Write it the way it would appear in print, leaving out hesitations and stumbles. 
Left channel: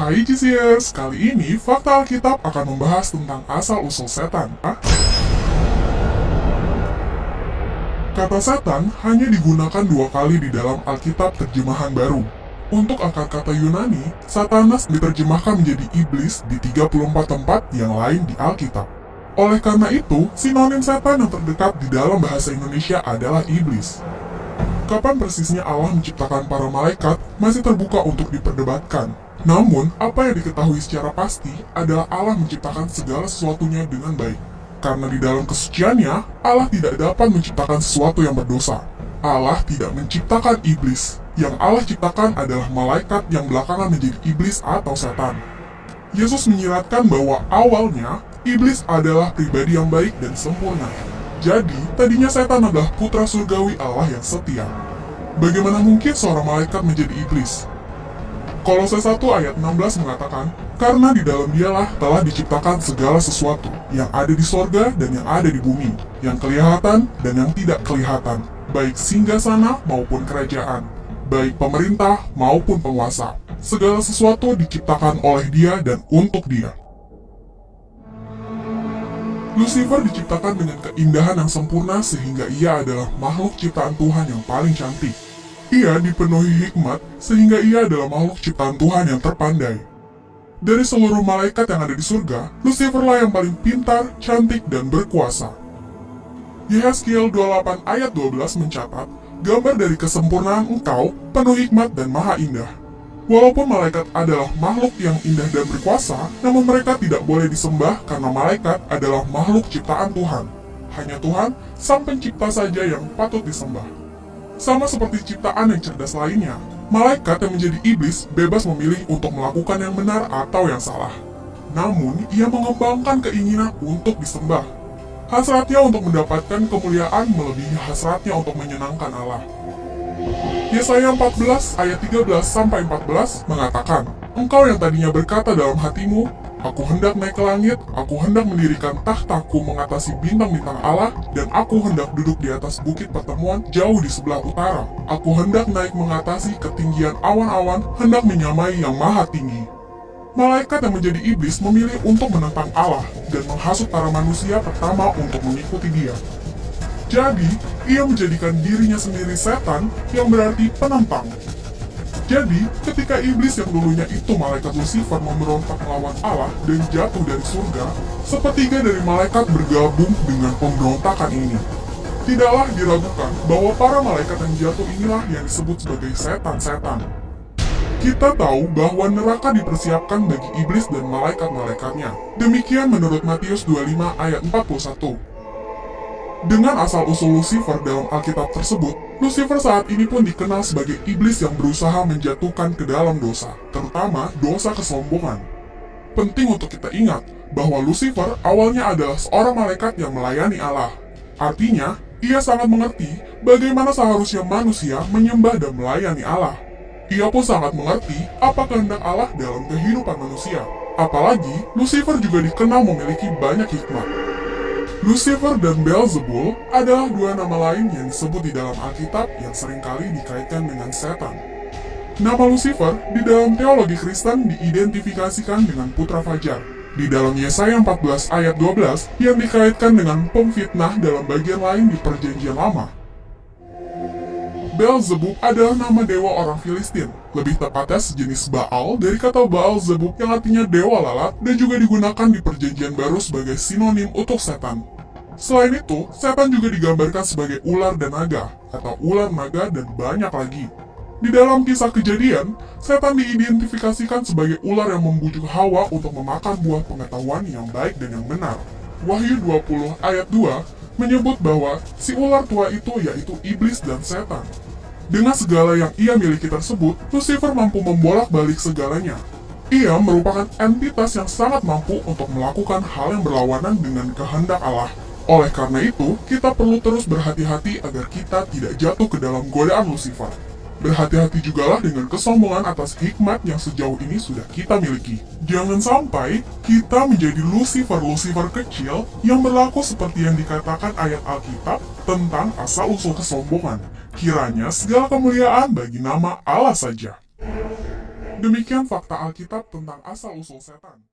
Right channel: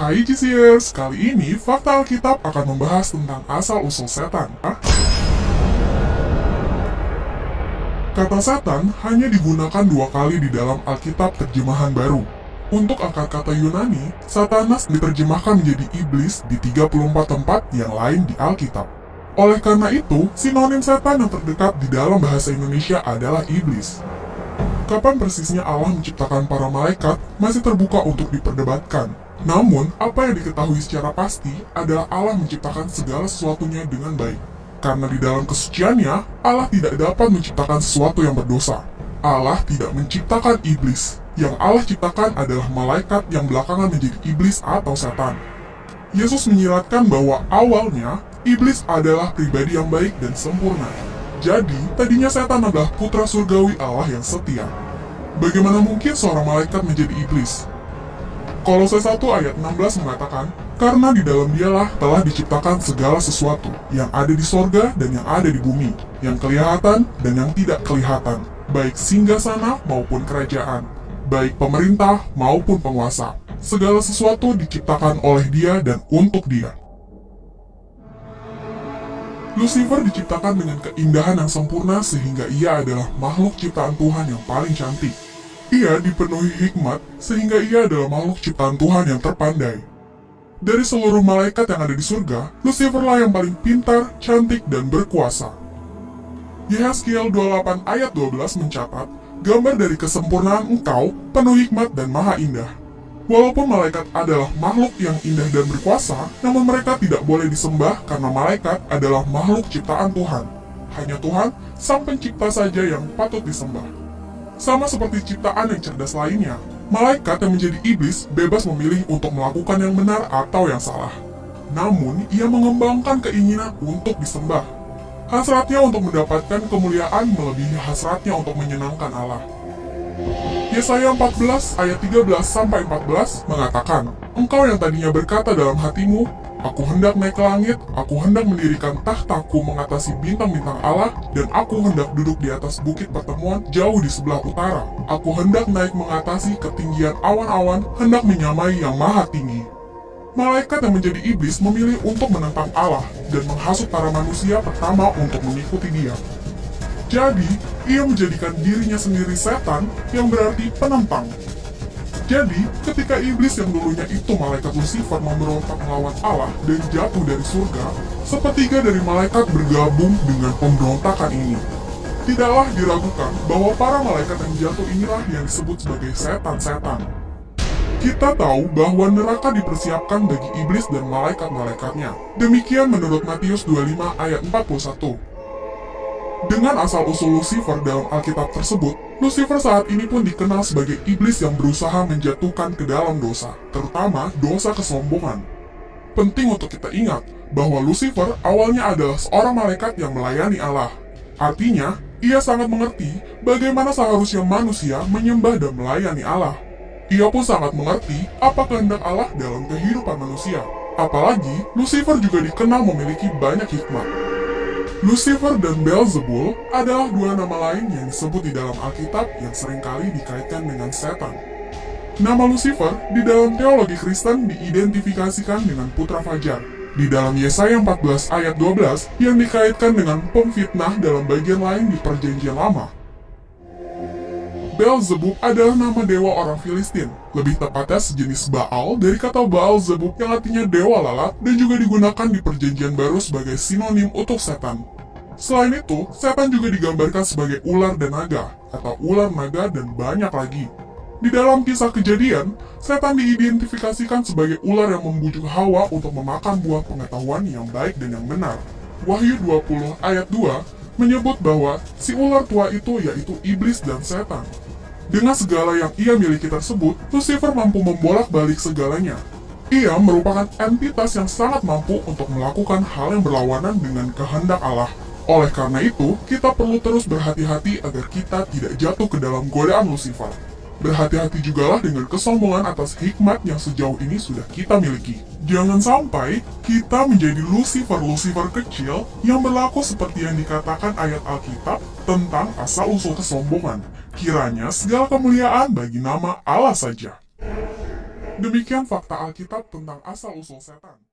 Hai GCers, kali ini Fakta Alkitab akan membahas tentang asal-usul setan. Kata setan hanya digunakan 2 kali di dalam Alkitab terjemahan baru. Untuk akar kata Yunani, Satanas diterjemahkan menjadi iblis di 34 tempat yang lain di Alkitab. Oleh karena itu, sinonim setan yang terdekat di dalam bahasa Indonesia adalah iblis. Kapan persisnya Allah menciptakan para malaikat masih terbuka untuk diperdebatkan. Namun, apa yang diketahui secara pasti adalah Allah menciptakan segala sesuatunya dengan baik. Karena di dalam kesuciannya, Allah tidak dapat menciptakan sesuatu yang berdosa. Allah tidak menciptakan iblis. Yang Allah ciptakan adalah malaikat yang belakangan menjadi iblis atau setan. Yesus menyiratkan bahwa awalnya, iblis adalah pribadi yang baik dan sempurna. Jadi, tadinya setan adalah putra surgawi Allah yang setia. Bagaimana mungkin seorang malaikat menjadi iblis? Kolose 1 ayat 16 mengatakan, karena di dalam dialah telah diciptakan segala sesuatu yang ada di sorga dan yang ada di bumi, yang kelihatan dan yang tidak kelihatan, baik singgasana maupun kerajaan, baik pemerintah maupun penguasa. Segala sesuatu diciptakan oleh Dia dan untuk Dia. Lucifer diciptakan dengan keindahan yang sempurna sehingga ia adalah makhluk ciptaan Tuhan yang paling cantik. Ia dipenuhi hikmat sehingga ia adalah makhluk ciptaan Tuhan yang terpandai. Dari seluruh malaikat yang ada di surga, Luciferlah yang paling pintar, cantik, dan berkuasa. Yehezkiel 28 ayat 12 mencatat, gambar dari kesempurnaan engkau, penuh hikmat dan maha indah. Walaupun malaikat adalah makhluk yang indah dan berkuasa, namun mereka tidak boleh disembah karena malaikat adalah makhluk ciptaan Tuhan. Hanya Tuhan, Sang Pencipta saja yang patut disembah. Sama seperti ciptaan yang cerdas lainnya, malaikat yang menjadi iblis bebas memilih untuk melakukan yang benar atau yang salah. Namun, ia mengembangkan keinginan untuk disembah. Hasratnya untuk mendapatkan kemuliaan melebihi hasratnya untuk menyenangkan Allah. Yesaya 14 ayat 13-14 mengatakan, engkau yang tadinya berkata dalam hatimu, aku hendak naik ke langit, aku hendak mendirikan tahtaku mengatasi bintang-bintang Allah, dan aku hendak duduk di atas bukit pertemuan jauh di sebelah utara. Aku hendak naik mengatasi ketinggian awan-awan, hendak menyamai yang maha tinggi. Malaikat yang menjadi iblis memilih untuk menentang Allah dan menghasut para manusia pertama untuk mengikuti dia. Jadi, ia menjadikan dirinya sendiri setan yang berarti penentang. Jadi, ketika iblis yang dulunya itu malaikat Lucifer memberontak melawan Allah dan jatuh dari surga, sepertiga dari malaikat bergabung dengan pemberontakan ini. Tidaklah diragukan bahwa para malaikat yang jatuh inilah yang disebut sebagai setan-setan. Kita tahu bahwa neraka dipersiapkan bagi iblis dan malaikat-malaikatnya. Demikian menurut Matius 25 ayat 41. Dengan asal-usul Lucifer dalam Alkitab tersebut, Lucifer saat ini pun dikenal sebagai iblis yang berusaha menjatuhkan ke dalam dosa, terutama dosa kesombongan. Penting untuk kita ingat bahwa Lucifer awalnya adalah seorang malaikat yang melayani Allah. Artinya, ia sangat mengerti bagaimana seharusnya manusia menyembah dan melayani Allah. Ia pun sangat mengerti apa kehendak Allah dalam kehidupan manusia. Apalagi, Lucifer juga dikenal memiliki banyak hikmat. Lucifer dan Beelzebul adalah 2 nama lain yang disebut di dalam Alkitab yang seringkali dikaitkan dengan setan. Nama Lucifer di dalam teologi Kristen diidentifikasikan dengan putra fajar. Di dalam Yesaya 14 ayat 12 yang dikaitkan dengan pemfitnah dalam bagian lain di Perjanjian Lama. Beelzebub adalah nama dewa orang Filistin, lebih tepatnya sejenis Baal dari kata Baal-zebub yang artinya dewa lalat dan juga digunakan di Perjanjian Baru sebagai sinonim untuk setan. Selain itu, setan juga digambarkan sebagai ular dan naga, atau ular naga dan banyak lagi. Di dalam kisah Kejadian, setan diidentifikasikan sebagai ular yang membujuk Hawa untuk memakan buah pengetahuan yang baik dan yang benar. Wahyu 20 ayat 2 menyebut bahwa si ular tua itu yaitu iblis dan setan. Dengan segala yang ia miliki tersebut, Lucifer mampu membolak-balik segalanya. Ia merupakan entitas yang sangat mampu untuk melakukan hal yang berlawanan dengan kehendak Allah. Oleh karena itu, kita perlu terus berhati-hati agar kita tidak jatuh ke dalam godaan Lucifer. Berhati-hati jugalah dengan kesombongan atas hikmat yang sejauh ini sudah kita miliki. Jangan sampai kita menjadi Lucifer-Lucifer kecil yang berlaku seperti yang dikatakan ayat Alkitab tentang asal-usul kesombongan. Kiranya segala kemuliaan bagi nama Allah saja. Demikian fakta Alkitab tentang asal-usul setan.